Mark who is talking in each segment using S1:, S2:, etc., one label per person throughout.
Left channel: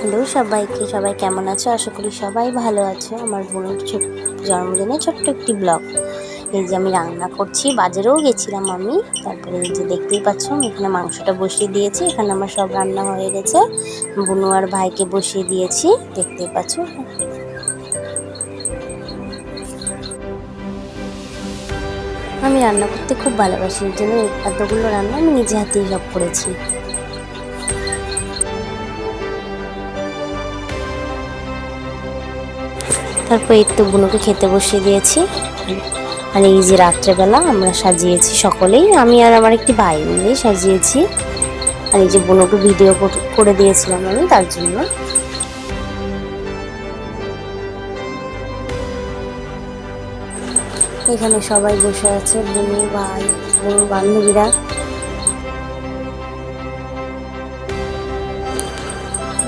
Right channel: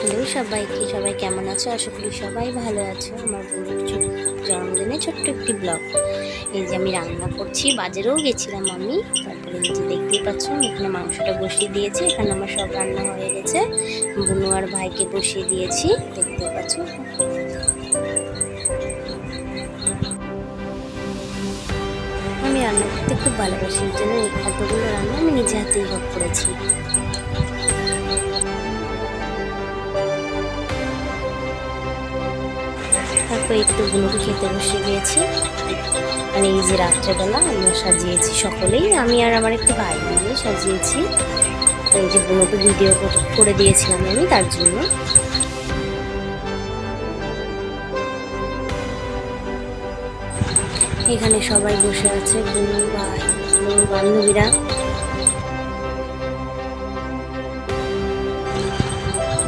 S1: Hello সবাইকে, সবাই কেমন আছো? আশা করি সবাই ভালো আছো। আমার বোনের জন্মদিনে ছোট্ট একটি ব্লগ এই যে আমি রান্না করছি, বাজারেও গেছিলাম আমি। তারপরে এই যে দেখতেই পাচ্ছ, আমি এখানে মাংসটা বসিয়ে দিয়েছি। এখানে আমার সব রান্না হয়ে গেছে। বুনু আর ভাইকে বসিয়ে দিয়েছি। দেখতেই পাচ্ছ? আমি রান্না করতে খুব ভালোবাসি। এই জন্য এতগুলো রান্না আমি নিজে হাতেই সব করেছি। তারপর এই তো বুনুকে খেতে বসিয়ে দিয়েছি। মানে এই যে রাত্রেবেলা আমরা সাজিয়েছি সকলেই, আমি আর আমার একটি ভাই মিলেই সাজিয়েছি। আর এই যে বুনুকে ভিডিও করে দিয়েছিলাম আমি তার জন্য। এখানে সবাই বসে আছে, বুনু, ভাই বুনুর বান্ধবীরা।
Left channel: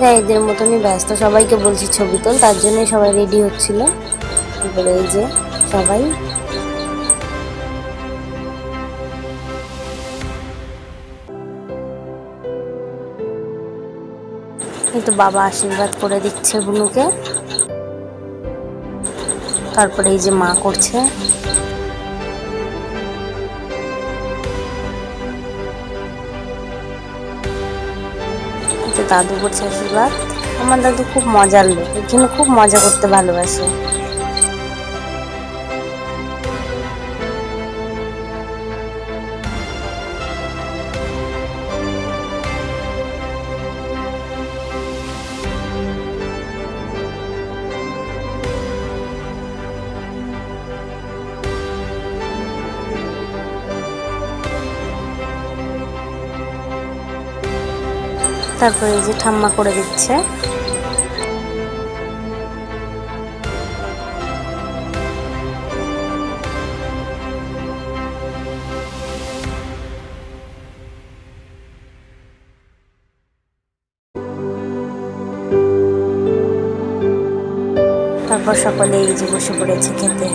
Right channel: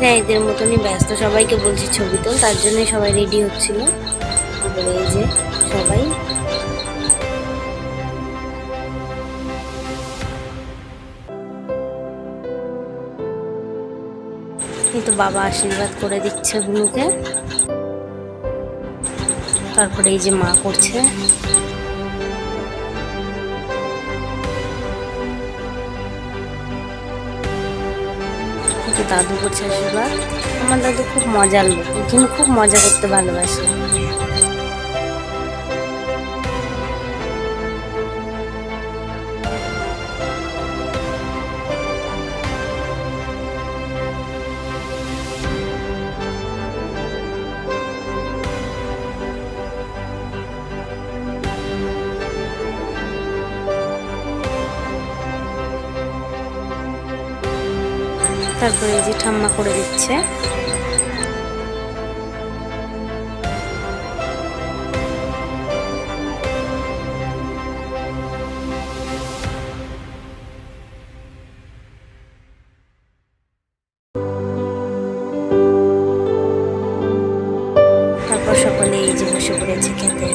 S1: হ্যাঁ এদের মতনই ব্যস্ত। সবাইকে বলছি ছবি তোল, তার জন্যই সবাই রেডি হচ্ছিল। এবারে এই যে সবাই। এই তো বাবা আশীর্বাদ করে দিচ্ছে বুনুকে। তারপরে এই যে মা করছে। দাদু করছে আশীর্বাদ আমার দাদু খুব মজার লোক এই জন্য খুব মজা করতে ভালোবাসে। তারপরে এই যে ঠাম্মা করে দিচ্ছে। তারপর সকলে এই যে বসে পড়েছে খেতে।